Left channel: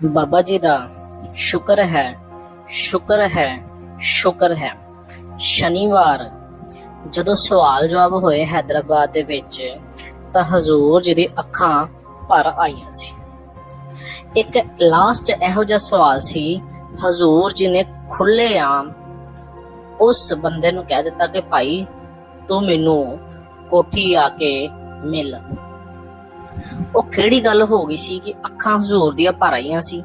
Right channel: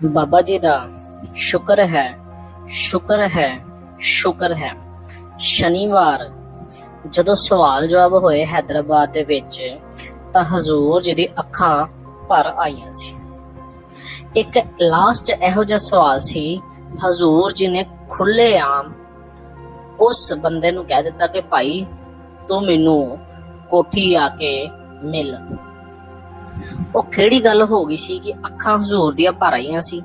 ਬਾਬਾ ਜੀ ਦਾ ਸ਼ੁਕਰ ਹੈ, ਸ਼ੁਕਰ ਹੈ, ਸ਼ੁਕਰ ਹੈ। ਸ਼ਨੀਵਾਰ ਜਦੋਂ ਸਵਾਲ ਜਵਾਬ ਹੋਏ ਹੈਦਰਾਬਾਦ ਦੇ ਵਿੱਚ ਤਾਂ ਹਜ਼ੂਰ ਜੀ ਦੀ ਅੱਖਾਂ ਭਰ ਆਈਆਂ ਸੀ। ਇੱਕ ਲਾਸਟ ਇਹੋ ਜਿਹਾ ਸਵਾਲ ਸੀ, ਹਜ਼ੂਰ ਜੀ ਨੇ ਖੁੱਲ੍ਹੇਆਮ ਉਸ ਬੰਦੇ ਨੂੰ ਕਹਿ ਦਿੱਤਾ ਕਿ ਭਾਈ ਤੂੰ ਮੈਨੂੰ ਕੋਠੀ ਆ ਕੇ ਮਿਲ। ਉਹ ਕਿਹੜੀ ਗੱਲ ਹੋ ਗਈ ਸੀ ਕਿ ਅੱਖਾਂ ਹਜ਼ੂਰ ਦੀਆਂ ਭਰ ਆਈਆਂ ਸੀ।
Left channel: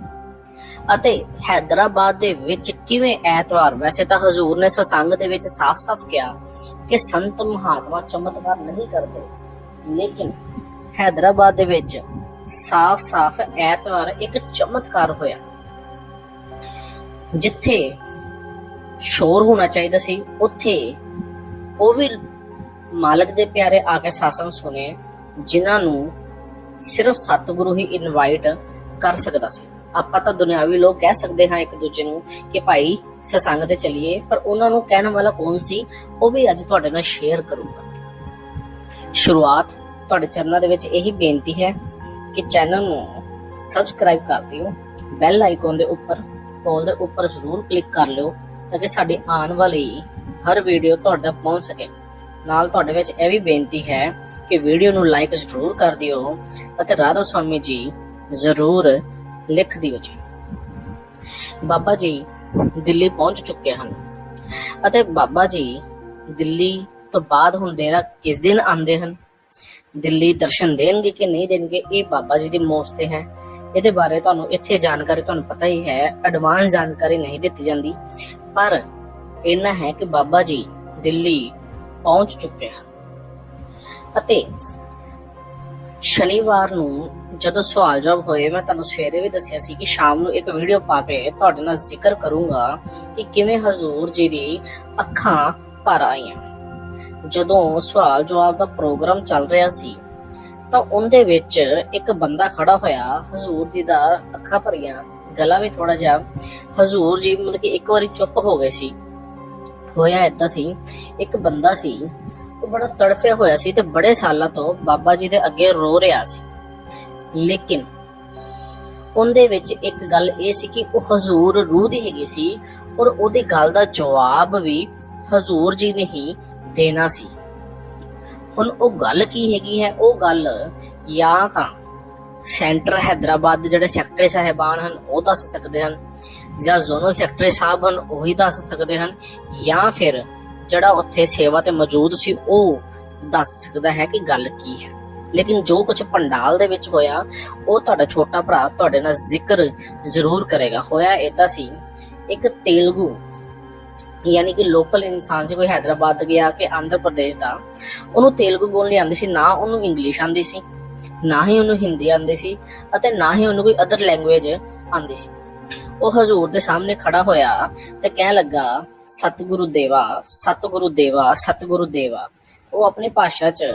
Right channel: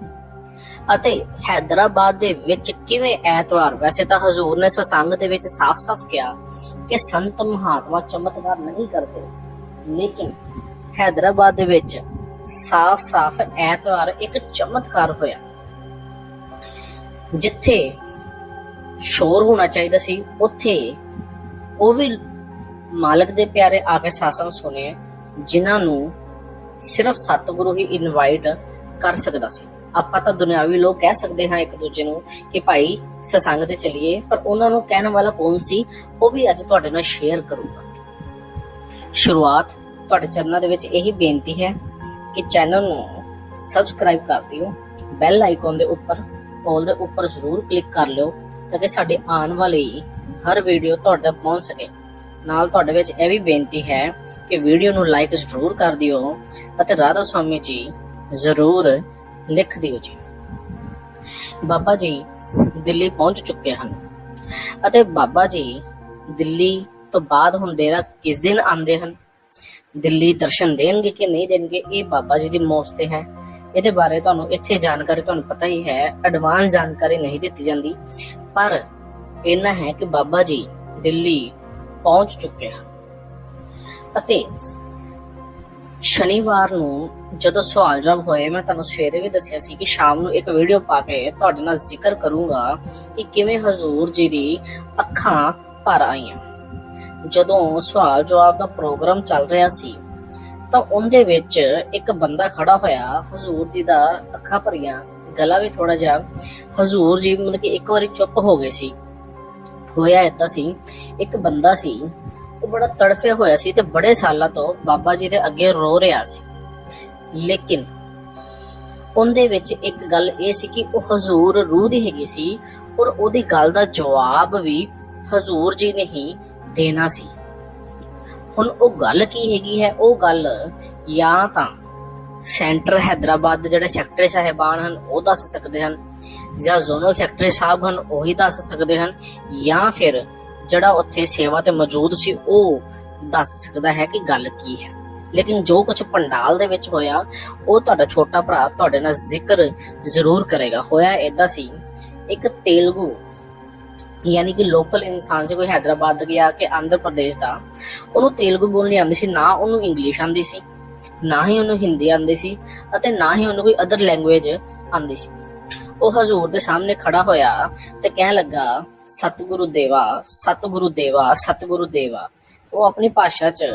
ਅਤੇ ਹੈਦਰਾਬਾਦ ਦੇ ਵਿੱਚ ਕਿਵੇਂ ਐਤਵਾਰ, ਵੈਸੇ ਤਾਂ ਹਜ਼ੂਰ ਨੇ ਸਤਸੰਗ ਦੇ ਵਿੱਚ ਸਾਫ਼-ਸਾਫ਼ ਕਿਹਾ ਕਿ ਸੰਤ ਮਹਾਤਮਾ ਚਮਤਕਾਰ ਨਹੀਂ ਕਰਦੇ, ਲੇਕਿਨ ਹੈਦਰਾਬਾਦ ਦੇ ਵਿੱਚ ਸਾਫ਼-ਸਾਫ਼ ਐਤਵਾਰ ਇੱਕ ਚਮਤਕਾਰ ਹੋਇਆ। ਜਿੱਥੇ ਸ਼ੋਰ ਹੋਣਾ ਚਾਹੀਦਾ ਸੀ ਉੱਥੇ ਉਹ ਵੀ ਮਾਲਕ ਦੇ ਪਿਆਰੇ ਆ ਕੇ ਸਾਸੰਗ ਸੁਣੇ, ਜਿਨ੍ਹਾਂ ਨੂੰ ਸਿਰਫ ਸਤਿਗੁਰੂ ਹੀ ਇਨਵਾਈਟ ਕਰ ਸਕਦਾ ਸੀ। ਆਪਾਂ ਤਾਂ ਦੁਨਿਆਵੀ ਲੋਕ ਕਹਿ ਸਕਦੇ ਹਾਂ ਇੱਕ ਦੂਜੇ ਨੂੰ ਕਿ ਭਾਈ ਸਤਸੰਗ ਤੇ ਚੱਲੀਏ, ਪਰ ਉਹਨਾਂ ਨੂੰ ਕਹਿਣ ਵਾਲਾ ਕੌਣ ਸੀ, ਉਹ ਵੀ ਅੱਜ ਤੁਹਾਡੇ ਨਾਲ ਸ਼ੇਅਰ ਕਰੂੰਗਾ। ਸ਼ੁਰੂਆਤ ਤੁਹਾਡੇ ਚਰਨਾਂ ਦੇ ਵਿੱਚ ਇਹੀ ਬੇਨਤੀ ਹੈ ਕਿ ਚੈਨਲ ਨੂੰ ਸਬਸਕ੍ਰਾਈਬ ਕਰ ਦਿਓ, ਬੈਲ ਆਈਕਨ ਦੇ ਉੱਪਰ ਕਾਲ ਦੇ ਉੱਪਰ ਜ਼ਰੂਰ ਕਲਿੱਕ ਕਰ ਲਿਓ ਤਾਂ ਕਿ ਸਾਡੀ ਆਉਣ ਵਾਲੀ ਹਰ ਵੀਡੀਓ ਤੁਹਾਡੇ ਤੱਕ ਪਹੁੰਚ ਸਕੇ। ਨਾਲ ਤੁਹਾਡੇ ਵਿੱਚ ਇਹ ਵੀ ਬੇਨਤੀ ਹੈ ਕਿ ਵੀਡੀਓ ਨੂੰ ਲਾਈਕ ਜ਼ਰੂਰ ਕਰ ਦਿਓ ਅਤੇ ਰਾਧਾ ਸਵਾਮੀ ਜੀ ਜ਼ਰੂਰ ਲਿਖ ਦਿਓ ਜੀ। ਬਾਬਾ ਜੀ ਦਿੱਲੀ ਪਹੁੰਚ ਚੁੱਕੇ ਹਨ ਅਤੇ ਬਾਬਾ ਜੀ ਦਿੱਲੀ ਤੋਂ ਬਾਅਦ ਹੁਣ ਡੇਰਾ ਕਿਸ ਦਿਨ ਆਉਂਦੇ ਹਨ, ਦਿੱਲੀ ਦਰਸ਼ਨ ਦੇਣਗੇ ਕਿ ਨਹੀਂ ਦੇਣਗੇ, ਇਹ ਬਾਬਾ ਜੀ ਦੀ ਮੌਜ ਤੇ ਹੈ। ਇਹਦੇ ਬਾਰੇ ਤੁਹਾਨੂੰ ਇੱਥੇ ਜਾਣਕਾਰੀ ਤੁਹਾਨੂੰ ਪਤਾ ਹੀ ਹੈ, ਐਡਵਾਂਸ ਜਾਣਕਾਰੀ ਨਹੀਂ ਦਿੱਤੀ ਜਾਂਦੀ, ਪਰ ਇੰਨਾ ਹੈ ਕਿ ਬਾਬਾ ਜੀ ਦਿੱਲੀ ਪਹੁੰਚ ਚੁੱਕੇ ਹਨ। ਅਤੇ ਸ਼ਨੀਵਾਰ ਨੂੰ ਜਦੋਂ ਸਵਾਲ ਜਵਾਬ ਹੋਏ, ਮੈਂ ਤੁਹਾਨੂੰ ਸਵੇਰੇ ਵੀ ਦੱਸਿਆ ਸੀ ਕਿ ਸ਼ਾਮ ਨੂੰ ਇੱਕ ਵੀਡੀਓ ਪਾ ਕੇ ਤੁਹਾਡੇ ਨਾਲ ਜ਼ਿਕਰ ਕਰੂੰਗਾ ਕਿ ਕਿਵੇਂ ਹਜ਼ੂਰ ਜੀ ਦੀ ਅੱਖਾਂ ਭਰ ਆਈਆਂ। ਜਦੋਂ ਸਵਾਲ ਜਵਾਬ ਦਾ ਪ੍ਰੋਗਰਾਮ ਚੱਲ ਰਿਹਾ ਸੀ ਤਾਂ ਉਹਦੇ ਵਿੱਚ ਇੱਕ ਬੰਦਾ ਖੜਾ ਹੋਇਆ, ਹਜ਼ੂਰ ਜੀ ਦਾ ਅੱਖਾਂ ਭਰੀਆਂ, ਗਲਾ ਵੀ ਥੋੜਾ ਜਿਹਾ, ਹਜ਼ੂਰ ਜੀ ਮਤਲਬ ਕਿ ਇੱਕ ਵਾਰੀ ਚੁੱਪ ਹੋ ਗਏ ਸੀ। ਹੋਇਆ ਏਦਾਂ ਸੀ, ਇੱਕ ਬੰਦਾ ਸੀ ਉਹ ਬੜਾ ਤੜਫਿਆ ਹੋਇਆ ਸੀ ਤੇ ਬੜੇ ਸਾਲਾਂ ਤੋਂ ਬਾਬਾ ਜੀ ਦੇ ਅੱਗੇ ਰੋ ਰਿਹਾ ਸੀ, ਲੇਕਿਨ ਉਹਦੇ ਵਿੱਚ ਇੱਕ ਗੱਲ ਇਹ ਸੀ ਕਿ ਉਹ ਹਜ਼ੂਰ ਰੂਹ ਦੀ ਹੈਗੀ ਸੀ ਔਰ ਉਹਦੀ ਗੱਲ ਦਾ ਜਵਾਬ ਵੀ ਹਜ਼ੂਰ ਜੀ ਨੇ ਹੀ ਦੇਣਾ ਸੀ। ਹੁਣ ਉਹ ਗੱਲ ਕੀ ਹੈਗੀ ਹੈ, ਉਹ ਗੱਲ ਜਾਂ ਤਾਂ ਸੈਂਟਰ ਹੈਦਰਾਬਾਦ ਦੇ ਜਿਹੜੇ ਸੈਕਟਰੀ ਸਾਹਿਬਾਨ ਹਨ ਉਹ ਦੱਸ ਸਕਦੇ ਹਨ, ਜਾਂ ਜ਼ੋਨਲ ਸੈਕਟਰੀ ਸਾਹਿਬ ਹਨ ਉਹੀ ਦੱਸ ਸਕਦੇ ਹਨ, ਜਾਂ ਫਿਰ ਜਿਹੜਾ ਉੱਥੇ ਸੇਵਾ ਤੇ ਮੌਜੂਦ ਸੀ ਉਹ ਦੱਸ ਸਕਦਾ ਹੈ ਕਿ ਗੱਲ ਕੀ ਹੈ। ਲੇਕਿਨ ਜੋ ਕੁਝ ਪੰਡਾਲ ਦੇ ਵਿੱਚ ਹੋਇਆ ਉਹ ਤੁਹਾਡਾ ਛੋਟਾ ਭਰਾ ਤੁਹਾਡੇ ਨਾਲ ਜ਼ਿਕਰ ਜ਼ਰੂਰ ਕਰੇਗਾ। ਹੋਇਆ ਏਦਾਂ ਸੀ, ਇੱਕ ਤੇਲਗੂ ਯਾਨੀ ਕਿ ਲੋਕਲ ਇਨਸਾਨ ਸੀ, ਕੋਈ ਹੈਦਰਾਬਾਦ ਦਾ ਗਿਆ ਕਿ ਆਂਧਰ ਪ੍ਰਦੇਸ਼ ਦਾ, ਉਹਨੂੰ ਤੇਲਗੂ ਬੋਲਣੀ ਆਉਂਦੀ ਸੀ, ਨਾ ਉਹਨੂੰ ਇੰਗਲਿਸ਼ ਆਉਂਦੀ ਸੀ, ਨਾ ਹੀ ਉਹਨੂੰ ਹਿੰਦੀ ਆਉਂਦੀ ਸੀ ਅਤੇ ਨਾ ਹੀ ਉਹਨੂੰ ਕੋਈ ਅਦਰ ਲੈਂਗੁਏਜ ਆਉਂਦੀ ਸੀ। ਉਹ ਹਜ਼ੂਰ ਦੇ ਸਾਹਮਣੇ ਖੜਾ ਹੋਇਆ ਤੇ ਕਹਿਣ ਲੱਗਾ, ਸਤਿਗੁਰੂ ਦੇਵਾ, ਸਤਿਗੁਰੂ ਦੇਵਾ, ਸਤਿਗੁਰੂ ਦੇਵਾ। ਉਹ ਆਪਣੀ ਭਾਸ਼ਾ 'ਚ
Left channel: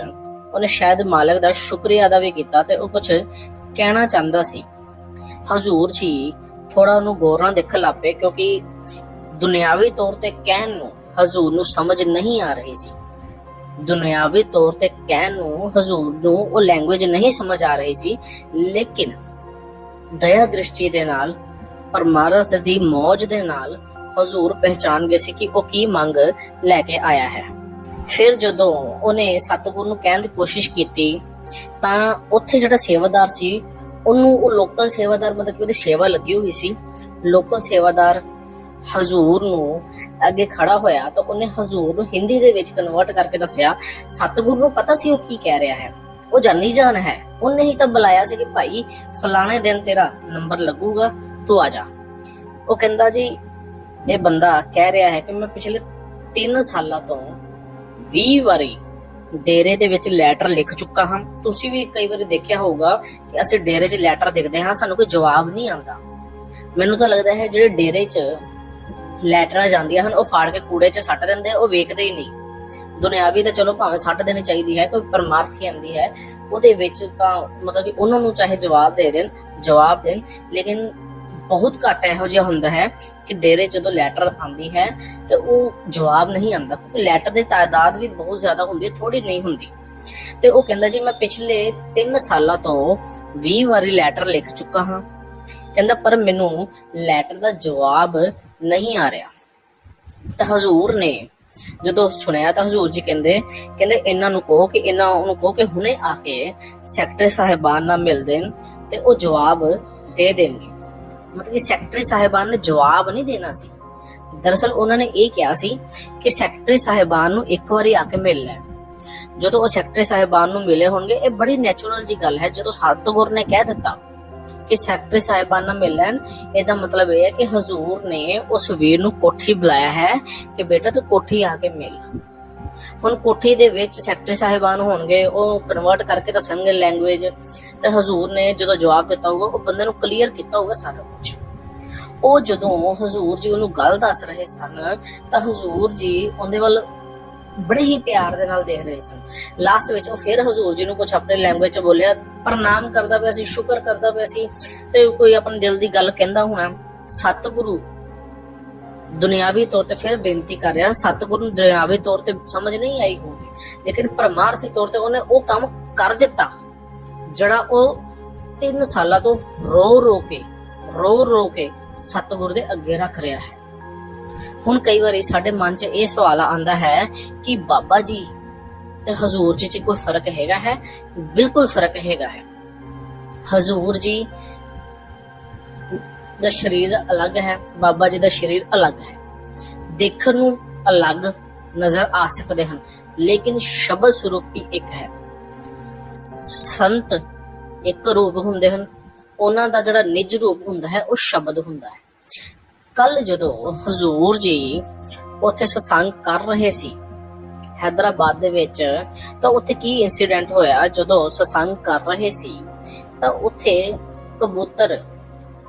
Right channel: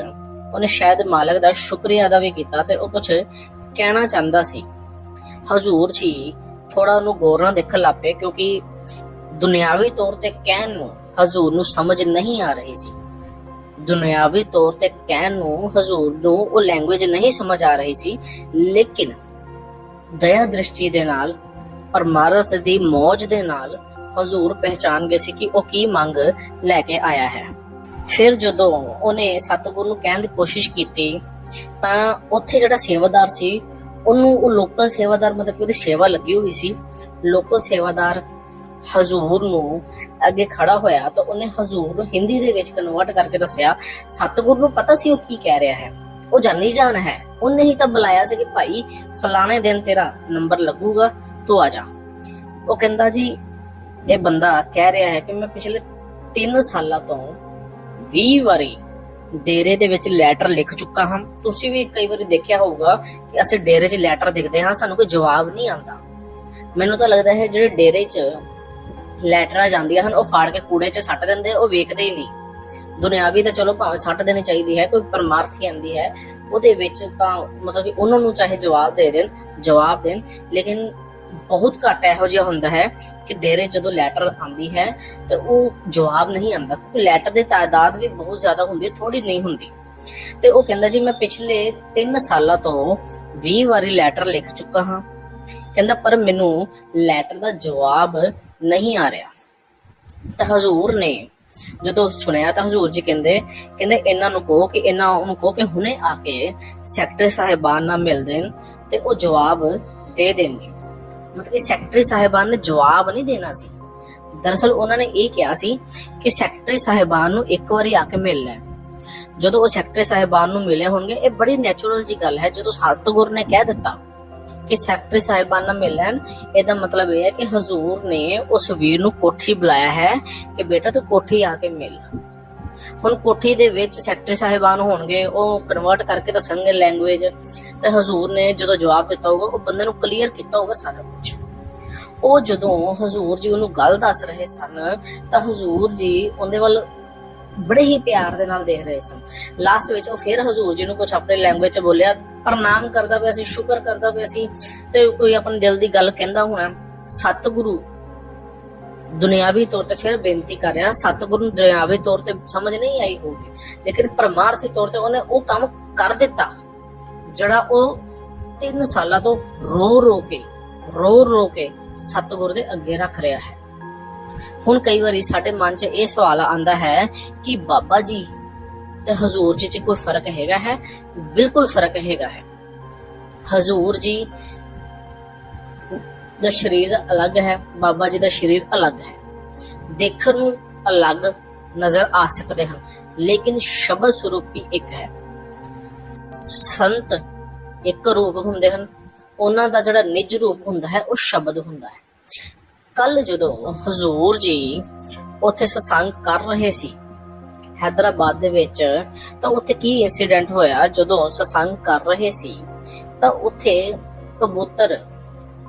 ਉਹਨੇ ਸ਼ਾਇਦ ਮਾਲਕ ਦਾ ਸ਼ੁਕਰੀਆ ਅਦਾ ਵੀ ਕੀਤਾ ਤੇ ਉਹ ਕੁਝ ਕਹਿਣਾ ਚਾਹੁੰਦਾ ਸੀ। ਹਜ਼ੂਰ ਜੀ ਥੋੜਾ ਉਹਨੂੰ ਗੌਰ ਨਾਲ ਦੇਖਣ ਲੱਗ ਪਏ, ਕਿਉਂਕਿ ਦੁਨਿਆਵੀ ਤੌਰ ਤੇ ਕਹਿਣ ਨੂੰ ਹਜ਼ੂਰ ਨੂੰ ਸਮਝ ਨਹੀਂ ਆ ਰਹੀ ਸੀ। ਦੁਨਿਆਵੀ ਤੌਰ ਤੇ ਕਹਿਣ ਨੂੰ ਹਜ਼ੂਰ ਨੂੰ ਉਹ ਲੈਂਗੁਏਜ ਨਹੀਂ ਸਮਝ ਆ ਰਹੀ ਸੀ, ਲੇਕਿਨ ਦਇਆ ਦ੍ਰਿਸ਼ਟੀ ਦੇ ਨਾਲ, ਪਰਮਾਰਥ ਦੀ ਮੌਜ ਦੇ ਨਾਲ ਹਜ਼ੂਰ ਪਹਿਚਾਨ ਗਏ ਸੀ ਕਿ ਉਹ ਕੀ ਮੰਗ ਲੈ ਕੇ ਆਇਆ ਹੈ। ਫਿਰ ਜਦੋਂ ਉਹਨੇ ਸਤਿਗੁਰੂ ਨੂੰ ਕਹਿਣ ਦੀ ਕੋਸ਼ਿਸ਼ ਕੀਤੀ ਤਾਂ ਉੱਥੇ ਜਿਹੜਾ ਸੇਵਾਦਾਰ ਸੀ ਉਹਨੂੰ, ਉਹ ਲੋਕਲ ਸੇਵਾਦਾਰ ਮਤਲਬ ਕਿ ਉਹਦੀ ਸੇਵਾ ਲੱਗੀ ਹੋਈ ਸੀ, ਲੋਕਲ ਸੇਵਾਦਾਰ ਹਜ਼ੂਰ ਨੂੰ ਅੱਗੇ ਖੜਾ ਹੋਇਆ ਤਾਂ ਉਹਨੇ ਹਜ਼ੂਰ ਨੂੰ ਹਿੰਦੀ ਦੇ ਵਿੱਚ ਕਨਵਰਟ ਕਰਕੇ ਦੱਸਿਆ। ਸਤਿਗੁਰੂ ਨੂੰ ਪਤਾ ਸੀ ਉਹ ਕੀ ਕਹਿ ਰਿਹਾ ਹੈ, ਉਹ ਜਾਣੀ ਜਾਣ ਹੈ, ਉਹਨੇ ਹੀ ਤਾਂ ਬੁਲਾਇਆ ਸੀ ਕਿ ਭਾਈ ਫਲਾਣੇ ਦਿਨ ਤੇਰਾ ਨੰਬਰ ਲੱਗੂਗਾ, ਤੂੰ ਆ ਜਾ। ਉਹ ਕਹਿੰਦਾ ਜੀ ਇਹ ਬੰਦਾ ਕਹਿ ਰਿਹਾ ਹੈ ਕਿ ਮੈਂ ਪਿਛਲੇ 3 ਸਾਲਾਂ ਤੋਂ 20 ਵਾਰੀ ਡੇਰੇ ਦੇ ਵਿੱਚ ਲੈਟਰ ਲਿਖ ਚੁੱਕਾ ਹਾਂ। ਤੁਸੀਂ ਵੀ ਕਈ ਵਾਰੀ ਦੇਖਿਆ ਹੋਊਗਾ ਕਿ ਅਸੀਂ ਡੇਰੇ 'ਚ ਲੈਟਰ ਲਿਖਦੇ ਹਾਂ, ਸਾਨੂੰ ਕੋਈ ਜਵਾਬ ਨਹੀਂ ਆਉਂਦਾ। ਮੈਨੂੰ ਤਾਂ ਲੱਗਦਾ ਹੈ ਜਿਹੜੇ ਡੇਰੇ 'ਚ ਲੈਟਰਾਂ ਜਾਂਦੀਆਂ ਹਨ ਉਹ ਫਾੜ ਕੇ ਕੂੜੇ 'ਚ ਸੱਟ ਦਿੰਦੇ, ਉਹ ਵੇਖਦੇ ਹੀ ਨਹੀਂ। ਦੁਨਿਆਵੀ ਤਾਂ ਚਲੋ ਭਾਵੇਂ ਸੱਟ ਦੇਣੀ ਚਾਹੀਦੀ ਹੈ, ਕੋਈ ਪਰਮਾਰਥੀ ਆਉਂਦੀ ਹੈ ਉਹਦੇ ਵਿੱਚ ਤਾਂ ਮਤਲਬ ਕਿ ਉਹਨਾਂ ਨੂੰ ਚਾਹੇ ਜਵਾਬ ਦੇਣ, ਲੇਕਿਨ ਬਹੁਤ ਘੱਟ ਇਹੋ ਜਿਹਾ ਹੁੰਦਾ ਹੈ ਕਿ ਡੇਰੇ ਜਦੋਂ ਲੈਟਰ ਆਉਂਦੀ ਹੈ ਤੇ ਉਹ ਜਵਾਬ ਨਹੀਂ ਆਉਂਦਾ, ਕਿਉਂਕਿ ਲੈਟਰ ਦੀ ਤਾਦਾਦ ਵੀ ਬਹੁਤ ਜ਼ਿਆਦਾ ਹੁੰਦੀ, ਥੋੜੀ ਨਹੀਂ ਹੁੰਦੀ। ਤੇ ਉਹ ਕਹਿੰਦਾ ਜੀ ਮੈਂ ਪਿਛਲੇ 3 ਸਾਲਾਂ ਤੋਂ 20 ਵਾਰੀ ਲੈਟਰ ਲਿਖ ਚੁੱਕਾ ਹਾਂ, ਕਹਿੰਦਾ ਪਰ ਮੈਨੂੰ ਲੈਟਰ ਦਾ ਜਵਾਬ ਨਹੀਂ ਆ ਰਿਹਾ। ਤਾਂ ਹਜ਼ੂਰ ਨੇ ਜਦੋਂ ਸੁਣਿਆ ਤਾਂ ਹਜ਼ੂਰ ਜੀ ਕਹਿੰਦੇ ਇਹਨਾਂ ਨੂੰ ਕਹੋ ਕਿ ਹੁਣੇ ਆ ਕੇ ਸੈਕਟਰੀ ਸਾਹਿਬਾਨ ਨਾਲ ਮਿਲ ਦੇਣ ਤੇ ਉਹ ਜਵਾਬ ਦੇ ਦੇਣਗੇ। ਮਤਲਬ ਕਿ ਸੈਕਟਰੀ ਸਾਹਿਬਾਨ ਨੇ ਜਵਾਬ ਨਹੀਂ ਦੇਣਾ ਸੀ। ਦਰਅਸਲ ਉਹਨਾਂ ਨੇ ਇਹ ਕਿਹਾ ਸੀ ਕਿ ਸੈਕਟਰੀ ਸਾਹਿਬਾਨ ਨੂੰ ਇੱਕ ਵਾਰੀ ਆ ਕੇ ਮਿਲ ਲੈ। ਜਦੋਂ ਉਹ ਸੈਕਟਰੀ ਸਾਹਿਬਾਨ ਨੂੰ ਮਿਲੇ ਹੋਣਗੇ, ਇਹ ਬੜੀ ਨੈਚੁਰਲ ਜੀ ਗੱਲ ਹੈ। ਜਦੋਂ ਸਤਿਗੁਰ ਨੇ ਕਹਿ ਦਿੱਤਾ ਕਿ ਸੈਕਟਰੀ ਸਾਹਿਬਾਨ ਨਾਲ ਮਿਲ ਲੈਣ, ਇਹਦਾ ਮਤਲਬ ਇਹ ਹੈ ਕਿ ਹਜ਼ੂਰ ਨੇ ਉਸ ਵੀਰ ਨੂੰ ਕੋਠੀ ਬੁਲਾਇਆ ਹੈ ਕਿ ਬੇਟਾ ਤੂੰ ਕੋਠੀ ਆ ਕੇ ਮਿਲ। ਹੁਣ ਕੋਠੀ ਦੇ ਵਿੱਚ ਸੈਕਟਰੀ ਸਾਹਿਬਾਨ ਹੋਣਗੇ, ਉਹ ਕਨਵਰਟ ਕਰਕੇ ਦੱਸਣਗੇ ਲੈਂਗੁਏਜ, ਤੇ ਹਜ਼ੂਰ ਨੇ ਜਦੋਂ ਜਵਾਬ ਦਿੱਤਾ ਹੋਊਗਾ ਉਹ ਬੰਦੇ ਨੂੰ ਕਲੀਅਰ ਕੀਤਾ ਹੋਊਗਾ ਸਾਰਾ ਕੁਝ। ਉਹ ਜਦੋਂ ਹਜ਼ੂਰ ਜੀ ਉਹਨੂੰ ਗੱਲ ਦੱਸ ਰਹੇ ਸਨ ਤਾਂ ਹਜ਼ੂਰ ਜੀ ਉਹਦੇ ਵੱਲ ਬੜੇ ਹੀ ਪਿਆਰ ਦੇ ਨਾਲ ਦੇਖ ਰਹੇ ਸਨ। ਲਾਸਟ ਵਿੱਚ ਉਹ ਫਿਰ ਹਜ਼ੂਰ ਜੀ ਨੂੰ ਕੁਝ ਆਪਣੀ ਲੈਂਗੁਏਜ ਚ ਬੋਲਿਆ, ਪ੍ਰਣਾਮ ਕਰਦਾ ਪਿਆ ਸੀ, ਸ਼ੁਕਰ ਕਰਦਾ ਪਿਆ ਸੀ, ਤੇ ਕੋਈ ਆਪਣੇ ਦਿਲ ਦੀ ਗੱਲ ਕਹਿੰਦਾ ਹੋਣਾ। ਸਤਿਗੁਰੂ ਦੁਨਿਆਵੀ ਤੌਰ ਤੇ ਫਿਰ ਬੇਨਤੀ ਕਰ ਰਿਹਾ, ਸਤਿਗੁਰੂ ਨੂੰ ਦੁਨਿਆਵੀ ਤੌਰ ਤੇ ਸਮਝ ਨਹੀਂ ਆਈ ਹੋਊਗੀ, ਲੇਕਿਨ ਪਰਮਾਰਥੀ ਤੌਰ ਤੇ ਉਹਨੇ ਉਹ ਕੰਮ ਕਰ ਦਿੱਤਾ ਜਿਹੜਾ ਉਹ 3 ਸਾਲਾਂ ਤੋਂ ਰੋ ਰੋ ਕੇ ਸਤਿਗੁਰੂ ਦੇ ਅੱਗੇ ਰੱਖ ਰਿਹਾ ਹੈ। ਹੁਣ ਕਈ ਵਾਰੀ ਸਾਡੇ ਮਨ 'ਚ ਇਹ ਸਵਾਲ ਆਉਂਦਾ ਹੈ ਕਿ ਬਾਬਾ ਜੀ ਤੇ ਹਜ਼ੂਰ ਜੀ 'ਚ ਕੋਈ ਫਰਕ ਹੈਗਾ ਹੈ? ਬਿਲਕੁਲ ਫਰਕ ਹੈਗਾ ਹੈ। ਹਜ਼ੂਰ ਜੀ ਦਾ ਸਰੀਰ ਅਲੱਗ ਹੈ, ਬਾਬਾ ਜੀ ਦਾ ਸਰੀਰ ਅਲੱਗ ਹੈ। ਦੇਖਣ ਨੂੰ ਅਲੱਗ ਨਜ਼ਰ ਆ ਸਕਦੇ ਹਨ, ਲੇਕਿਨ ਸ਼ਬਦ ਸਰੂਪੀ ਇੱਕ ਹੈ। ਸੰਤ ਇੱਕ ਰੂਪ ਹੁੰਦੇ ਹਨ, ਉਹਨਾਂ ਦਾ ਜਿਹੜਾ ਨਿਜ ਰੂਪ ਹੁੰਦਾ ਹੈ ਉਹ ਸ਼ਬਦ ਹੁੰਦਾ ਹੈ। ਕੱਲ ਜਦੋਂ ਹਜ਼ੂਰ ਜੀ ਉੱਥੇ ਸਤਸੰਗ ਕਰ ਰਹੇ ਸੀ ਹੈਦਰਾਬਾਦ ਦੇ ਵਿੱਚ, ਤਾਂ ਉੱਥੇ ਕੀ ਇੰਸੀਡੈਂਟ ਹੋਇਆ? ਜਦੋਂ ਸਤਸੰਗ ਕਰ ਰਹੇ ਸੀ ਤਾਂ ਉੱਥੇ ਕਬੂਤਰ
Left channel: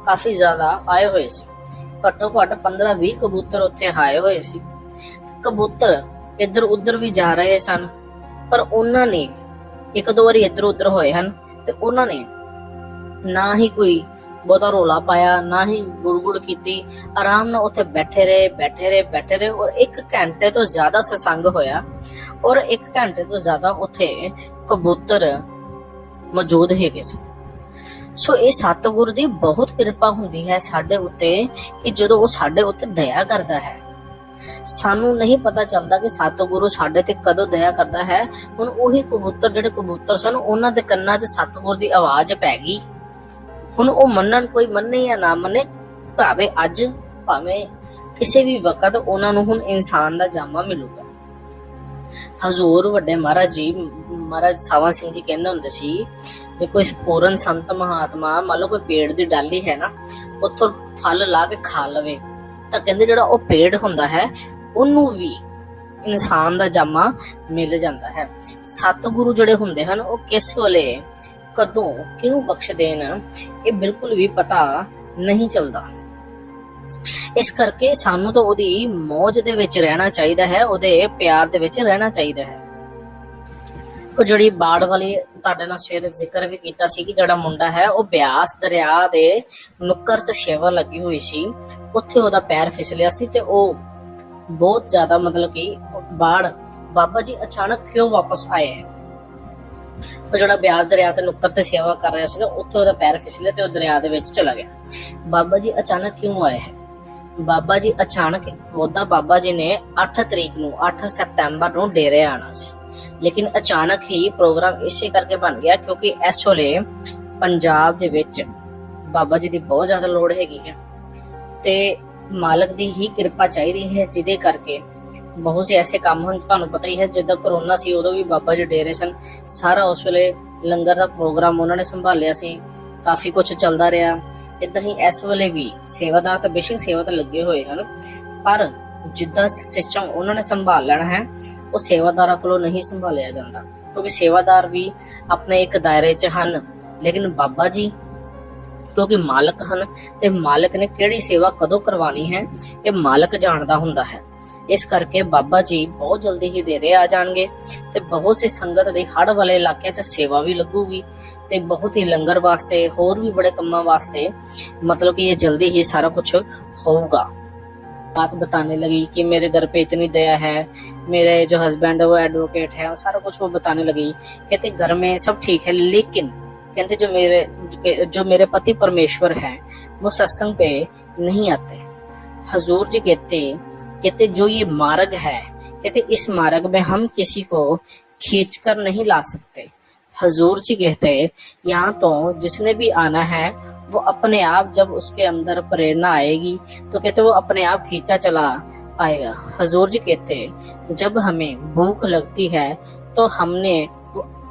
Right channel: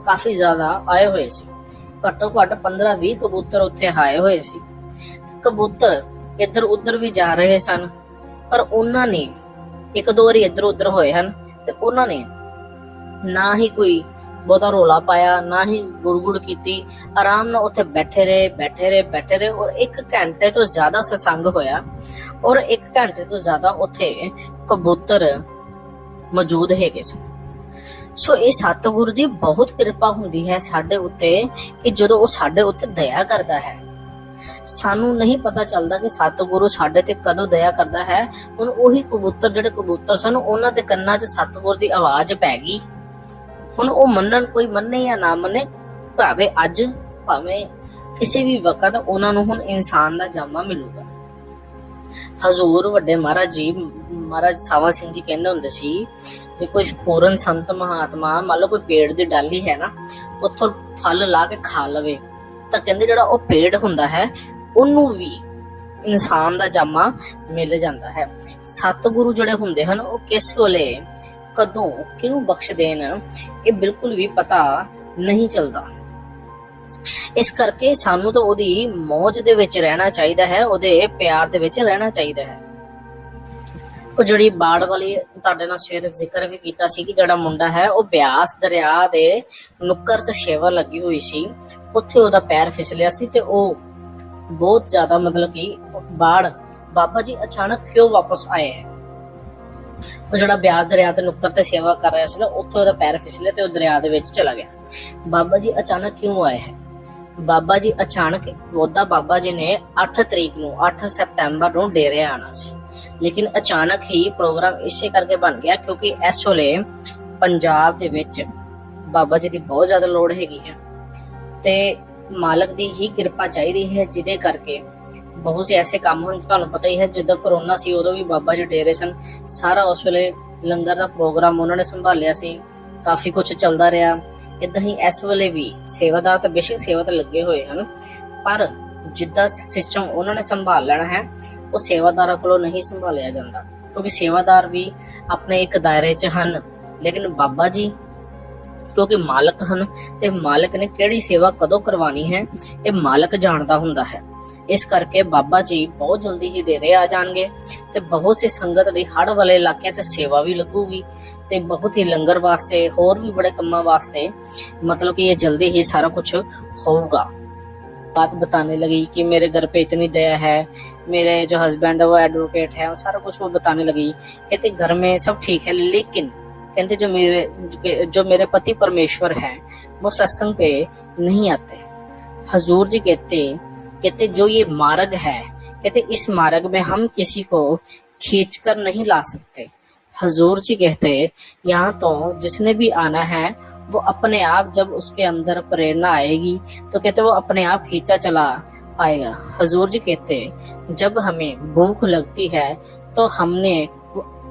ਕਾਫੀ ਜ਼ਿਆਦਾ ਆਏ ਹੋਏ ਸੀ, ਘੱਟੋ ਘੱਟ 15-20 ਕਬੂਤਰ ਉੱਥੇ ਆਏ ਹੋਏ ਸੀ। ਕਬੂਤਰ ਇੱਧਰ ਉੱਧਰ ਵੀ ਜਾ ਰਹੇ ਸਨ, ਪਰ ਉਹਨਾਂ ਨੇ 1-2 ਵਾਰੀ ਇੱਧਰ ਉੱਧਰ ਹੋਏ ਹਨ ਤੇ ਉਹਨਾਂ ਨੇ ਨਾ ਹੀ ਕੋਈ ਬਹੁਤਾ ਰੋਲਾ ਪਾਇਆ, ਨਾ ਹੀ ਗੁੜਗੁੜ ਕੀਤੀ, ਆਰਾਮ ਨਾਲ ਉੱਥੇ ਬੈਠੇ ਰਹੇ ਔਰ 1 ਘੰਟੇ ਤੋਂ ਜ਼ਿਆਦਾ ਸਤਸੰਗ ਹੋਇਆ ਔਰ 1 ਘੰਟੇ ਤੋਂ ਜ਼ਿਆਦਾ ਉੱਥੇ ਕਬੂਤਰ ਮੌਜੂਦ ਹੈਗੇ ਸਨ। ਸੋ ਇਹ ਸਤਿਗੁਰ ਦੀ ਬਹੁਤ ਕਿਰਪਾ ਹੁੰਦੀ ਹੈ ਸਾਡੇ ਉੱਤੇ ਕਿ ਜਦੋਂ ਉਹ ਸਾਡੇ ਉੱਤੇ ਦਇਆ ਕਰਦਾ ਹੈ। ਸਾਨੂੰ ਨਹੀਂ ਪਤਾ ਚੱਲਦਾ ਕਿ ਸਤਿਗੁਰੂ ਸਾਡੇ ਤੇ ਕਦੋਂ ਦਇਆ ਕਰਦਾ ਹੈ। ਹੁਣ ਉਹੀ ਕਬੂਤਰ ਜਿਹੜੇ ਕਬੂਤਰ ਸਨ, ਉਹਨਾਂ ਦੇ ਕੰਨਾਂ 'ਚ ਸਤਿਗੁਰ ਦੀ ਆਵਾਜ਼ ਪੈ ਗਈ। ਹੁਣ ਉਹ ਕੋਈ ਮੰਨੇ ਜਾਂ ਨਾ ਮੰਨੇ, ਭਾਵੇਂ ਅੱਜ ਭਾਵੇਂ ਕਿਸੇ ਵੀ ਵਕਤ, ਉਹਨਾਂ ਨੂੰ ਹੁਣ ਇਨਸਾਨ ਦਾ ਜਾਮਾ ਮਿਲੂਗਾ। ਹਜ਼ੂਰ ਵੱਡੇ ਮਹਾਰਾਜ ਸਾਵਾ ਸਿੰਘ ਜੀ ਕਹਿੰਦੇ ਹੁੰਦੇ ਸੀ, ਜੇ ਕੋਈ ਪੂਰਨ ਸੰਤ ਮਹਾਤਮਾ ਮੰਨ ਲਓ ਕੋਈ ਪੇੜ ਦੀ ਡਾਲੀ ਹੈ ਨਾ, ਉੱਥੋਂ ਫਲ ਲਾ ਕੇ ਖਾ ਲਵੇ, ਤਾਂ ਕਹਿੰਦੇ ਜਿਹੜਾ ਉਹ ਪੇੜ ਹੁੰਦਾ ਹੈ ਉਹਨੂੰ ਵੀ ਇਨਸਾਨ ਦਾ ਜਾਮਾ ਮਿਲ ਜਾਂਦਾ ਹੈ। ਸਤਿਗੁਰੂ ਜਿਹੜੇ ਹੁੰਦੇ ਹਨ ਉਹ ਕਿਸ ਵੇਲੇ ਕਦੋਂ ਕਿਹਨੂੰ ਬਖਸ਼ ਦੇਣ, ਇਹ ਬਿਲਕੁਲ ਵੀ ਪਤਾ ਨਹੀਂ ਚੱਲਦਾ। ਇਸ ਕਰਕੇ ਸਾਨੂੰ ਤਾਂ ਉਹਦੀ ਮੌਜ ਦੇ ਵਿੱਚ ਰਹਿਣਾ ਚਾਹੀਦਾ ਹੈ, ਉਹਦੇ ਪਿਆਰ ਦੇ ਵਿੱਚ ਰਹਿਣਾ ਚਾਹੀਦਾ ਹੈ। ਉਹ ਜਿਹੜੀ ਬਾੜ ਵਾਲੀ ਤੁਹਾਡੇ ਨਾਲ ਸਵੇਰੇ ਜ਼ਿਕਰ ਵੀ ਕੀਤਾ ਸੀ ਕਿ ਜਿਹੜਾ ਮੁੰਡਾ ਹੈ ਉਹ ਬਿਆਸ ਦਰਿਆ ਦੇ ਨੁੱਕਰ ਤੇ ਸੇਵਾ ਲੱਗੀ ਹੋਈ ਸੀ, ਉੱਥੇ ਉਹਦਾ ਪੈਰ ਫਿਸਲਿਆ ਸੀ ਤੇ ਉਹ ਬਹੁਤ ਜ਼ਿਆਦਾ ਮਤਲਬ ਕਿ ਬਾੜ, ਬਾਬਾ ਜੀ ਅਚਾਨਕ ਕਿਉਂ ਵਾਪਸ ਆਏ ਹੈ? ਉਹ ਜਿਹੜਾ ਬਿਆਸ ਦਰਿਆ ਤੇ ਨੁੱਕਰ ਤੇ ਸੇਵਾ ਕਰ ਰਿਹਾ ਸੀ ਨਾ, ਉੱਥੇ ਉਹਦਾ ਪੈਰ ਫਿਸਲਿਆ ਤੇ ਉਹ ਦਰਿਆ ਦੇ ਵਿੱਚ ਚਲਾ ਗਿਆ। ਬਾਬਾ ਜੀ ਅਚਾਨਕ ਕਿਉਂ ਆਏ ਹੈ? ਬਾਬਾ ਜੀ ਅਚਾਨਕ, ਉਹਦਾ ਬਾਬਾ ਜੀ ਨੇ 8 ਸਤੰਬਰ ਨੂੰ ਡੇਰੇ ਆਣਾ ਸੀ, ਲੇਕਿਨ ਅਚਾਨਕ ਹੀ ਪ੍ਰੋਗਰਾਮ ਇਸੇ ਕਰਕੇ ਬਣ ਗਿਆ ਕਿਉਂਕਿ ਇਸ ਵੇਲੇ ਪੰਜਾਬ ਦੇ ਵਿੱਚ ਬਾਬਾ ਜੀ ਦੀ ਬਹੁਤ ਜ਼ਿਆਦਾ ਲੋੜ ਹੈਗੀ ਹੈ ਤੇ ਮਾਲਕ ਦੀ ਹੀ ਕਿਰਪਾ ਚਾਹੀਦੀ ਹੈ, ਜਿਹਦੇ ਕਰਕੇ ਬਹੁਤ ਸੇ ਐਸੇ ਕੰਮ ਹਨ। ਤੁਹਾਨੂੰ ਪਤਾ ਹੀ ਹੈ, ਜਦੋਂ ਕਰੋਨਾ ਸੀ ਉਦੋਂ ਵੀ ਬਾਬਾ ਜੀ ਡੇਰੇ ਸਨ, ਸਾਰਾ ਉਸ ਵੇਲੇ ਲੰਗਰ ਦਾ ਪ੍ਰੋਗਰਾਮ ਉਹਨਾਂ ਨੇ ਸੰਭਾਲਿਆ ਸੀ, ਕਾਫੀ ਕੁਝ ਚੱਲਦਾ ਰਿਹਾ। ਏਦਾਂ ਹੀ ਇਸ ਵੇਲੇ ਵੀ ਸੇਵਾਦਾਰ ਤਾਂ ਬੇਸ਼ੱਕ ਸੇਵਾ ਤਾਂ ਲੱਗੇ ਹੋਏ ਹਨ, ਪਰ ਜਿੱਦਾਂ ਸਿਸਟਮ ਉਹਨਾਂ ਨੇ ਸੰਭਾਲ ਲੈਣਾ ਹੈ ਉਹ ਸੇਵਾਦਾਰਾਂ ਕੋਲੋਂ ਨਹੀਂ ਸੰਭਾਲਿਆ ਜਾਂਦਾ, ਕਿਉਂਕਿ ਸੇਵਾਦਾਰ ਵੀ ਆਪਣੇ ਇੱਕ ਦਾਇਰੇ 'ਚ ਹਨ, ਲੇਕਿਨ ਬਾਬਾ ਜੀ ਕਿਉਂਕਿ ਮਾਲਕ ਹਨ ਤੇ ਮਾਲਕ ਨੇ ਕਿਹੜੀ ਸੇਵਾ ਕਦੋਂ ਕਰਵਾਉਣੀ ਹੈ ਇਹ ਮਾਲਕ ਜਾਣਦਾ ਹੁੰਦਾ ਹੈ। ਇਸ ਕਰਕੇ ਬਾਬਾ ਜੀ ਬਹੁਤ ਜਲਦੀ ਹੀ ਡੇਰੇ ਆ ਜਾਣਗੇ ਤੇ ਬਹੁਤ सी ਸੰਗਤ ਦੇ ਹੜ ਵਾਲੇ ਇਲਾਕਿਆਂ 'ਚ ਸੇਵਾ ਵੀ ਲੱਗੂਗੀ ਤੇ ਬਹੁਤ ਹੀ ਲੰਗਰ ਵਾਸਤੇ, ਹੋਰ ਵੀ ਬੜੇ ਕੰਮਾਂ ਵਾਸਤੇ मतलब कि ये जल्दी ही सारा कुछ होगा। बात बताने लगी कि मेरे घर पे इतनी दया है, मेरे जो हस्बैंड है वो एडवोकेट है, सारा कुछ वो बताने लगी। कहते घर में सब ठीक है, लेकिन कहते जो मेरे पति परमेश्वर है वो सत्संग पे नहीं आते। हजूर जी कहते जो ये मार्ग है, कहते इस मार्ग में हम किसी को खींच कर नहीं ला सकते। हजूर जी कहते यहाँ तो जिसने भी आना है वो अपने आप, जब उसके अंदर प्रेरणा आएगी तो कहते वो अपने आप खींचा चला आएगा। हजूर जी कहते जब हमें भूख लगती है तो हमने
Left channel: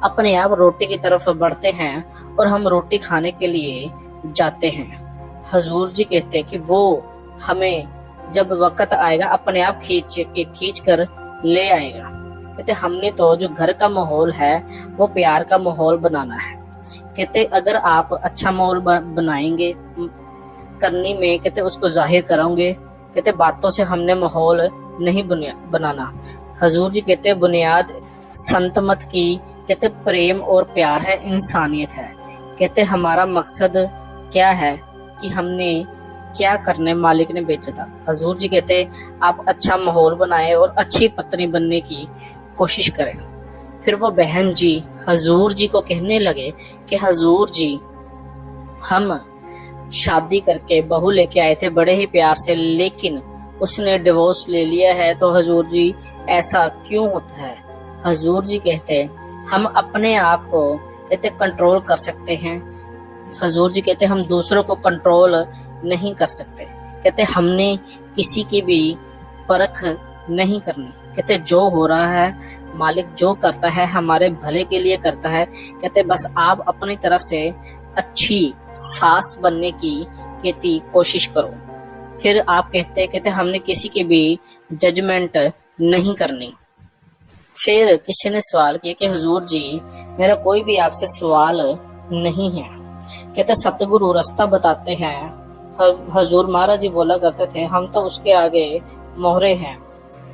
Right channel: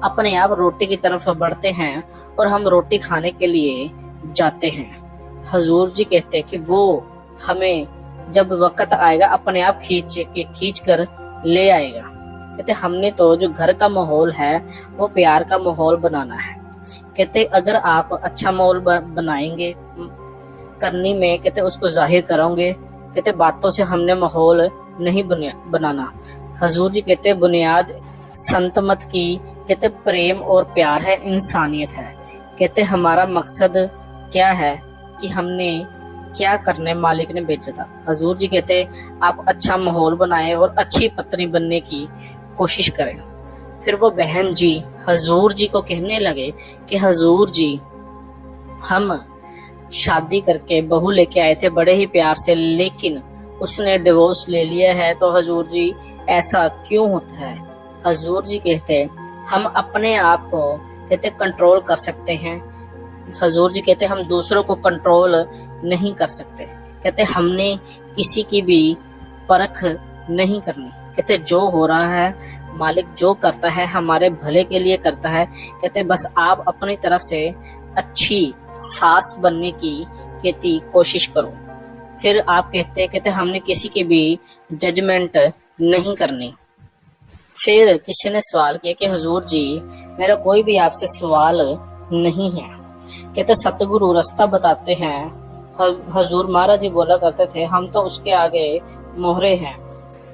अपने आप रोटी की तरफ बढ़ते हैं और हम रोटी खाने के लिए जाते हैं। हजूर जी कहते कि वो हमें जब वक्त आएगा अपने आप खींच कर ले आएगा। कहते हमने तो जो घर का माहौल है वो प्यार का माहौल बनाना है। कहते अगर आप अच्छा माहौल बनाएंगे, करनी में कहते उसको जाहिर करोगे, कहते बातों से हमने माहौल नहीं बनाना। हजूर जी कहते बुनियाद संत मत की कहते प्रेम और प्यार है, इंसानियत है। कहते हमारा मकसद क्या है कि हमने क्या करने मालिक ने भेजा था। हजूर जी कहते आप अच्छा माहौल बनाएं और अच्छी पत्नी बनने की कोशिश करें। फिर वो बहन जी हजूर जी को कहने लगे कि हजूर जी हम शादी करके बहू लेके आए थे बड़े ही प्यार से, लेकिन उसने डिवोर्स ले लिया है, तो हजूर जी ऐसा क्यों होता है। हजूर जी कहते हम अपने आप को कहते कंट्रोल कर सकते हैं। हजूर जी कहते हम दूसरों को कंट्रोल नहीं कर सकते। कहते हमने किसी की भी परख नहीं करनी। कहते जो हो रहा है मालिक जो करता है हमारे भले के लिए करता है। कहते बस आप अपनी तरफ से अच्छी सास बनने की कहती कोशिश करो। फिर आप कहते हमने किसी की भी जजमेंट नहीं करनी। फिर किसी ने सवाल किया कि हुजूर जी मेरा कोई भी आपसे सवाल नहीं है। कहते सतगुरु रास्ता बताते हैं। हुजूर महाराज जी बोला करते थे हम तो उसके आगे मोहरे हैं।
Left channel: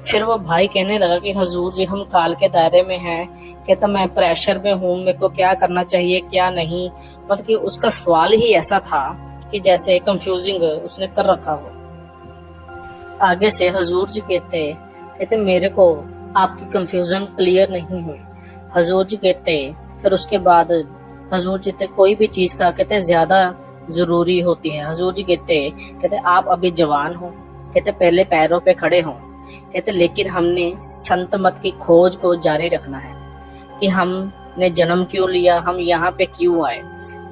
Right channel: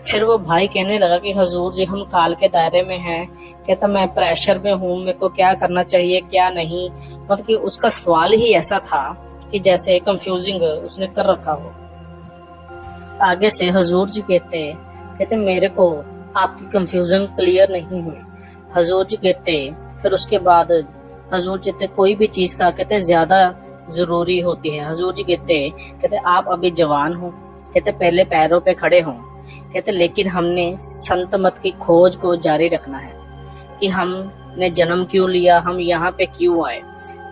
फिर वो भाई कहने लगा कि हुजूर जी हम काल के दायरे में हैं। कहता मैं प्रेशर में हूँ, मेरे को क्या करना चाहिए क्या नहीं। मतलब कि उसका सवाल ही ऐसा था कि जैसे कंफ्यूजिंग उसने कर रखा हो। आगे से हुजूर जी कहते मेरे को आपकी कंफ्यूजन क्लियर नहीं हुई। हुजूर जी कहते फिर उसके बाद हुजूर जी कहते कोई भी चीज का कहते ज्यादा जरूरी होती है। हुजूर जी कहते आप अभी जवान हो, कहते पहले पैरों पे खड़े हों। कहते लेकिन हमने संत मत की खोज को जारी रखना है कि हमने जन्म क्यों लिया, हम यहाँ पे क्यों आए।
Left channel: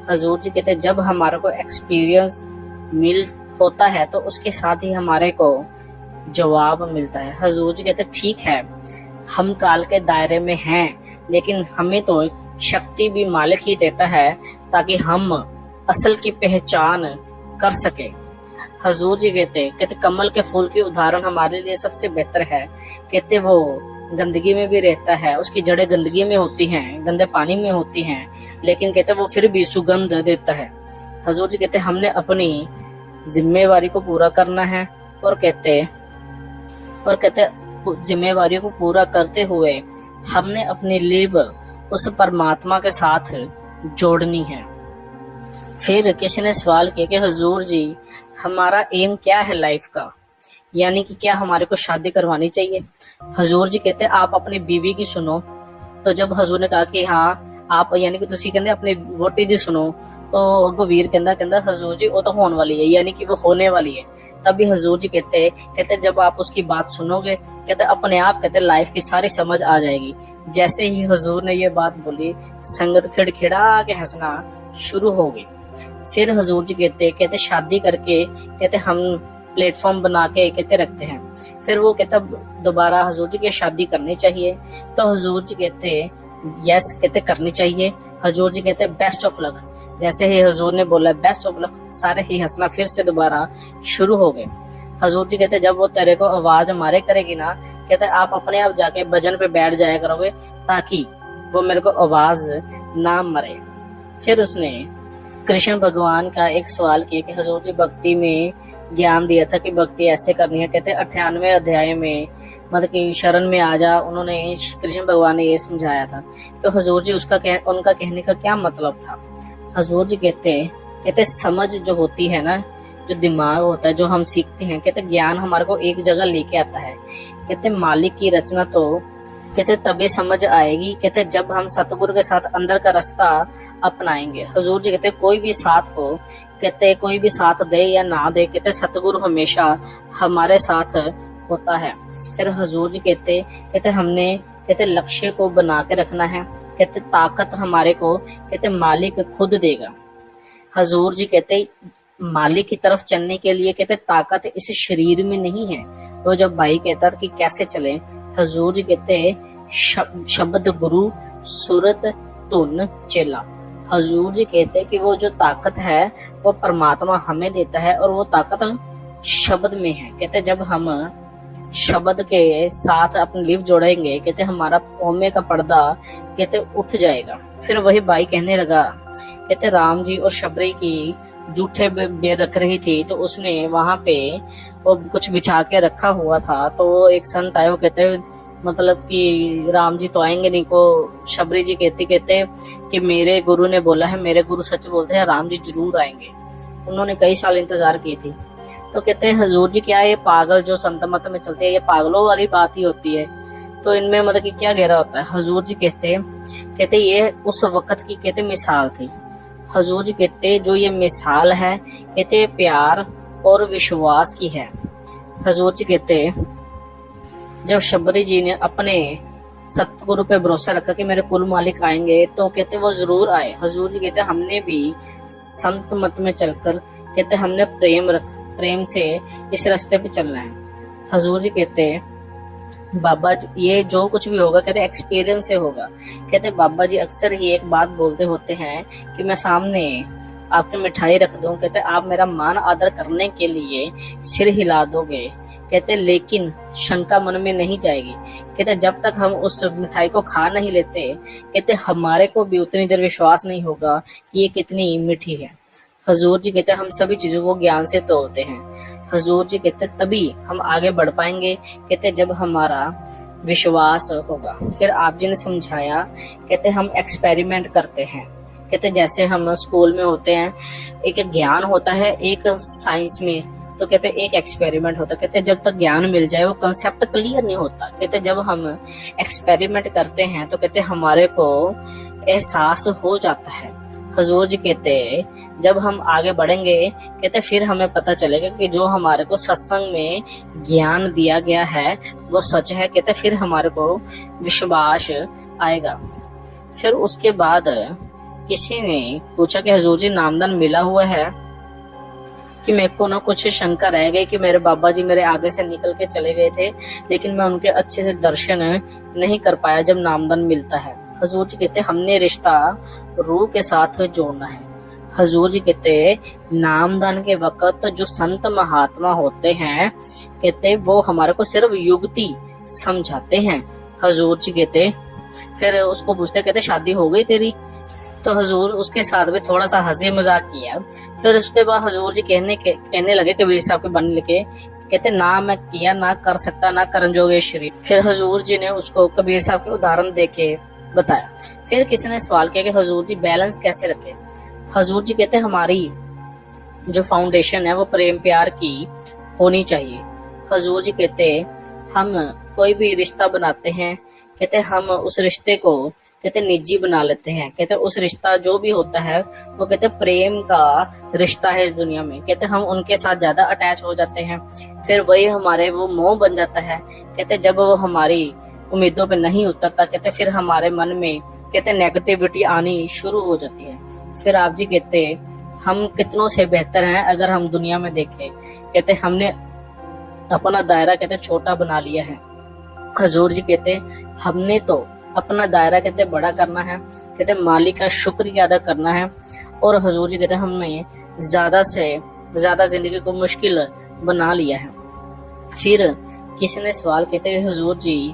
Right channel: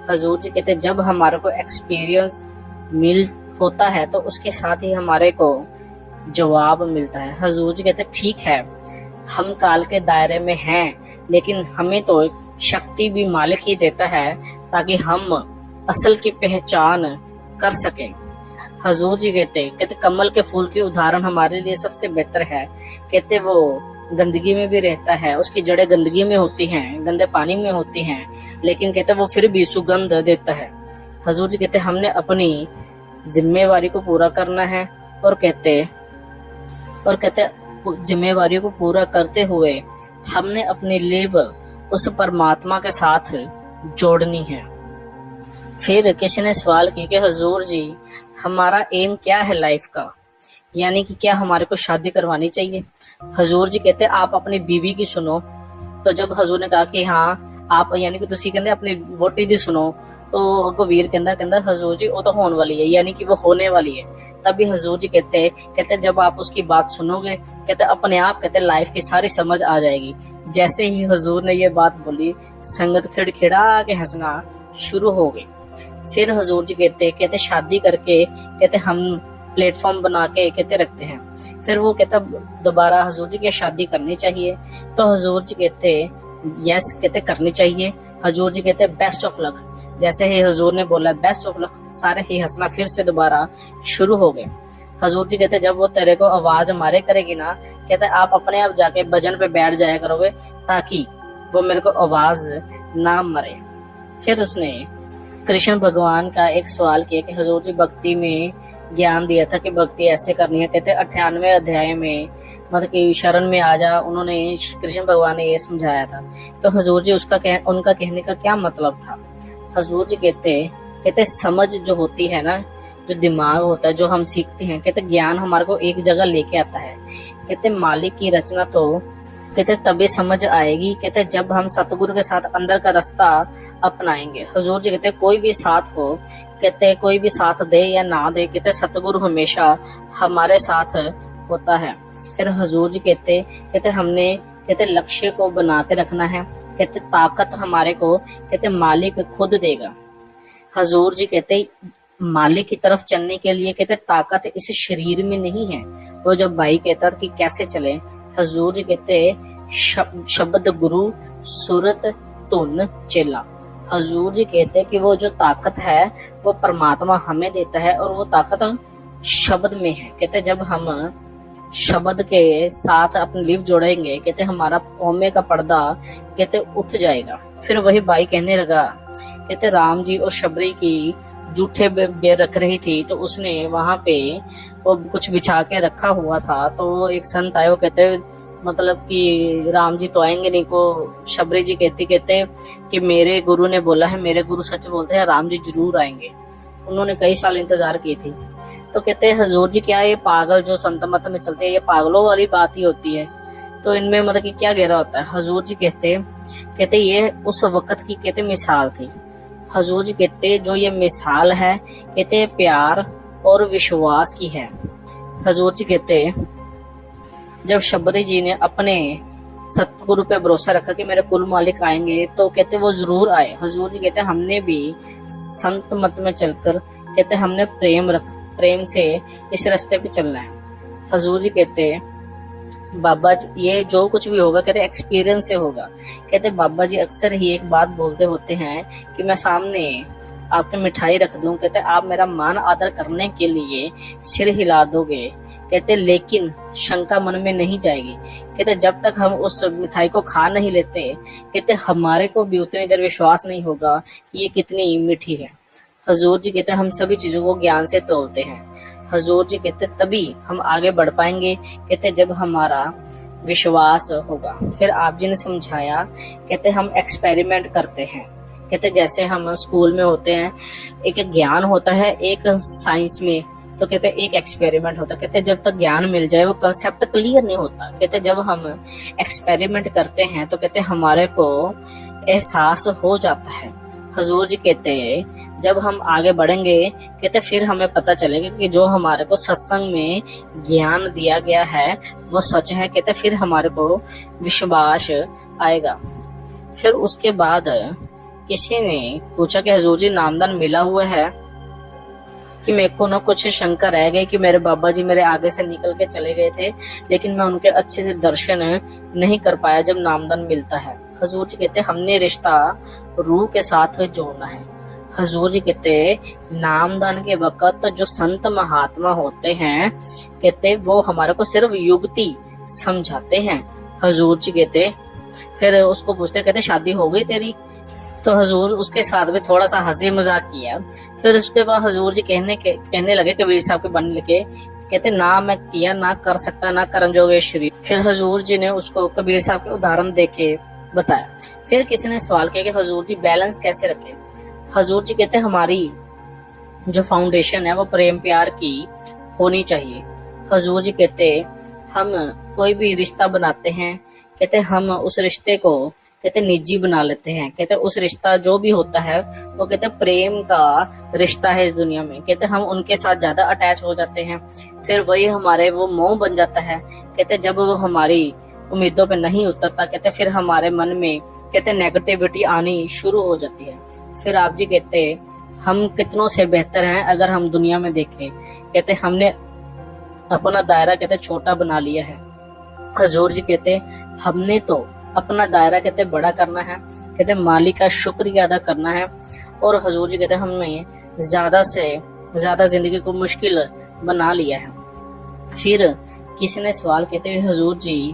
हुजूर जी कहते जब हमारे को एक्सपीरियंस मिल होता है तो उसके साथ ही हमारे को जवाब मिलता है। हुजूर जी कहते ठीक है हम काल के दायरे में हैं, लेकिन हमें तो शक्ति भी मालिक ही देता है ताकि हम असल की पहचान कर सकें। हुजूर जी कहते कमल के फूल की उदाहरण हमारे लिए सबसे बेहतर है। कहते वो गंदगी में भी रहता है, उसकी जड़ें गंदगी में होती हैं, गंदे पानी में होती हैं, लेकिन कहते वो फिर भी सुगंध देता है। हुजूर जी कहते हमने अपनी जिम्मेवारी को पूरा करना है और कहते जिम्मेवारी को पूरा करते हुए हमने अपनी लेवल उस परमात्मा के साथ जोड़नी है। फिर किसी ने सवाल किया कि हुजूर जी हमारा एम क्या है लाइफ का, यानी कि क्या हमारे को शादी करवानी चाहिए। हुजूर जी कहते आप अपनी बीवी की सुनो। तो जब हुजूर ने कहा कि हाँ आप यानी कि तुसी कहते अपनी वोटी दी सुनो, तो अगो वीर कहता हुजूर जी वो तो होने वाली है, यानी कि वो होने वाली है। तभी हुजूर जी कहते जब आप उसकी बात सुनोगे कहते अपने आप कहते लाइफ की सारी समझ आ जाएगी। जैसे ही हुजूर ने ये बात बोली संगत खिड़खिड़ा के हंसना शुरू हो गई। फिर हुजूर जी कहते शादी करके कहते हम प्लेटफॉर्म बना के कहते रखते हैं। फिर वो कहता दोबारा हुजूर जी की शादी करनी चाहिए। तो हुजूर जी कहते यस कहते करनी चाहिए। हुजूर जी कहते बेस्ट ऑफ लक। जैसे ही हुजूर ने बोला बेस्ट ऑफ लक, सारे ही हंसना फिर से दोबारा शुरू हो गए। हुजूर जी कहते जब वो तेरे को आवाज मारे करेगी ना, कहते आप अपने आप जाके भजन पे बैठ जाया करोगे ताकि वो मेरे को आवाज ना मारे। फिर उसने कृष्ण भगवान का एक सवाल किया कि हुजूर जी भक्ति में ज्ञान दिया था कि भक्ति ऐसे करनी है। कहते 98वें अध्याय में मतलब कि शरण में आ जा, उन्होंने कृष्ण भगवान ने ये समझाया था। तो हुजूर जी उनका कहने का क्या मतलब था। हुजूर जी कहते समझ जो होती है ना, जो दिमाग होता है, जो हम सीखते हैं, कहते ज्ञान हमारे को एक जगह लेके आता है। कहते मालिक की रचना तो कहते तभी समझ आएगी, कहते जब हम सतगुरु के साथ अंदर का रास्ता अपनाएंगे। हुजूर जी कहते कोई भी साथ हो, कहते कोई भी साथ दे या ना दे, कहते सतगुरु हमेशा हमारे साथ होता है। फिर हुजूर जी कहते हमने कहते लक्ष्य को बना के रखना है, कहते ताकत हमारे को कहते मालिक खुद देगा। हुजूर जी कहते मालिक की तरफ चलने के लिए कहते ताकत इस शरीर में नहीं है। वो जब भाई कहता कि कैसे चले, हुजूर जी कहते शब्द गुरु सूरत धुन चेला। हुजूर जी कहते कि वो जो ताकत है वो परमात्मा हमें देता है और वो ताकत शब्द में है। कहते जब हम शब्द के साथ अपनी लिप जोड़ेंगे, कहते हमारा ओमे का पर्दा कहते उठ जाएगा। फिर वही बाई कहने लगा, कहते राम जी और शबरी की जूठे रख रही थी, तो उसने वहां पे वो कुछ बिछा के रखा हुआ था। तो वो एक संत आए, वो कहते मतलब कि राम जी तो आएंगे नहीं को। शबरी जी कहते कि मेरे गुरु ने बोला है, मेरे गुरु सच बोलते हैं, राम जी जरूर आएंगे। उन्होंने कई साल इंतजार की थी। तो कहते हैं हुजूर जी क्या ये पागल जो संत मत में चलते हैं, ये पागलों वाली बात ही होती है, तो इनमें मतलब कि क्या गहरा होता है। हुजूर जी कहते ये उस वक्त की कहते मिसाल थी। हुजूर जी कहते जो ये मिसाल है कहते प्यार और विश्वास की है। हुजूर जी कहते जब शबरी जी ने अपने सतगुरु पे भरोसा रखा कि मेरे कुल मालिक आएंगे, तो कहते वो जरूर आए। हुजूर जी कहते हमने भी संत मत में चलकर कहते हमने प्रेम से इस रास्ते पे चलना है। हुजूर जी कहते बाबा जी ये जो कुछ भी होगा कहते एक्सपीरियंस से होगा। कहते बाबा जी अक्सर ही एक बात बोलते होते हैं कि मैं सामने आपकी मिठाई रख दूं, कहते आप मेरा मान आदर करने के लिए सिर हिला दोगे, कहते लेकिन शंका मन में नहीं जाएगी। कहते जब तक हम उस मिठाई को खा नहीं लेते, कहते हमारे को भी उतनी देर विश्वास नहीं होगा कि ये कितनी मीठी है। हुजूर जी कहते हम सभी चीजों को ज्ञान से तोलते हैं। हुजूर जी कहते तभी हम आगे बढ़ पाएंगे, कहते जब हमारा विश्वास होगा। फिर आप जी ने समझाया, कहते हम एक्सपेरिमेंट करते हैं। कहते जैसे हम स्कूल में होते हैं, एक ज्ञान होता है, एक साइंस में तो कहते एक एक्सपेरिमेंट होता है। कहते जब तक ज्ञान मिल जाए वो कंसेप्ट क्लियर नहीं होता। कहते जब हम एक्सपेरिमेंट करते हैं तो कहते हमारे को एहसास हो जाता है। हुजूर जी कहते जब हम आगे बढ़ेंगे, कहते फिर हमें पता चलेगा कि जो हमारे को सत्संग में ज्ञान दिया गया है वो सच है। कहते फिर हमारे को विश्वास आएगा। फिर उसके बाद किसी ने पूछा कि हुजूर जी नामदान मिला हुआ है कि मेरे को ना कुछ शंका रह गई कि मेरे बाबा जी मेरे आगे से निकल के चले गए थे, लेकिन मैं उनके अच्छे से दर्शन नहीं कर पाया जब नामदान मिलता है। हुजूर जी कहते हमने रिश्ता रूह के साथ जोड़ना है। हुजूर जी कहते नामदान के वक्त जो संत महात्मा होते हैं, कहते वो हमारे को सिर्फ युक्ति समझाते हैं। हुजूर जी कहते फिर उसको पूछते, कहते शादी हो गई तेरी? तो हुजूर उसके साथ भी थोड़ा सा हंसी मजाक किया। फिर उसके बाद हुजूर जी कहने लगे कबीर साहब के बन लगे, कहते ना मैं किया ना कर सकता ना करन जोगे शरीर। फिर हुजूर जी ने उसको कबीर साहब के उदाहरण देके बताया। फिर किसी ने सवाल किया कि हुजूर जी बैलेंस कैसे रखे। हुजूर जी कहते हमारी जो फाउंडेशन है वो प्रेम प्यार की होनी चाहिए। हुजूर जी कहते हम कोई भी रिश्ता बनाते हैं, कहते हम उस रिश्ते को कहते निजी बना लेते हैं। कहते उस रिश्ता जो भी होता है वो कहते प्रेम का रिश्ता है इस दुनिया में। कहते हम उनके साथ ज्यादा अटैच हो जाते हैं, फिर वही हमारे वो मोह बन जाता है। कहते जब वो हमारी उम्मीदों पे नहीं उतरता, कहते फिर हमारे मन में कहते नेगेटिविटी आनी शुरू हो जाती है। फिर आप जी कहते हम कितनों से बेहतर हैं अगर हम दुनिया में देखें। कहते हमने अपना दायरा कहते छोटा बना लिया है। हुजूर जी कहते हमने तो अपना दायरा कहते बड़ा करना है, कहते मालिक का शुक्रिया अदा करना है। और हुजूर जी कहते हमने ज्यादा से ज्यादा जिंदगी को मुश्किल बना लिया है। फिर किसी ने सवाल कहते हुजूर जी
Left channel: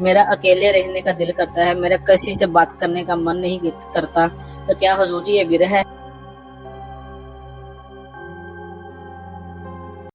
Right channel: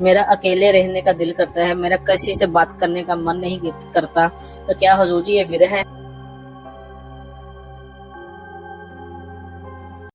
मेरा अकेले रहने का दिल करता है, मेरा किसी से बात करने का मन नहीं करता, तो क्या हुजूर जी ये विरह है?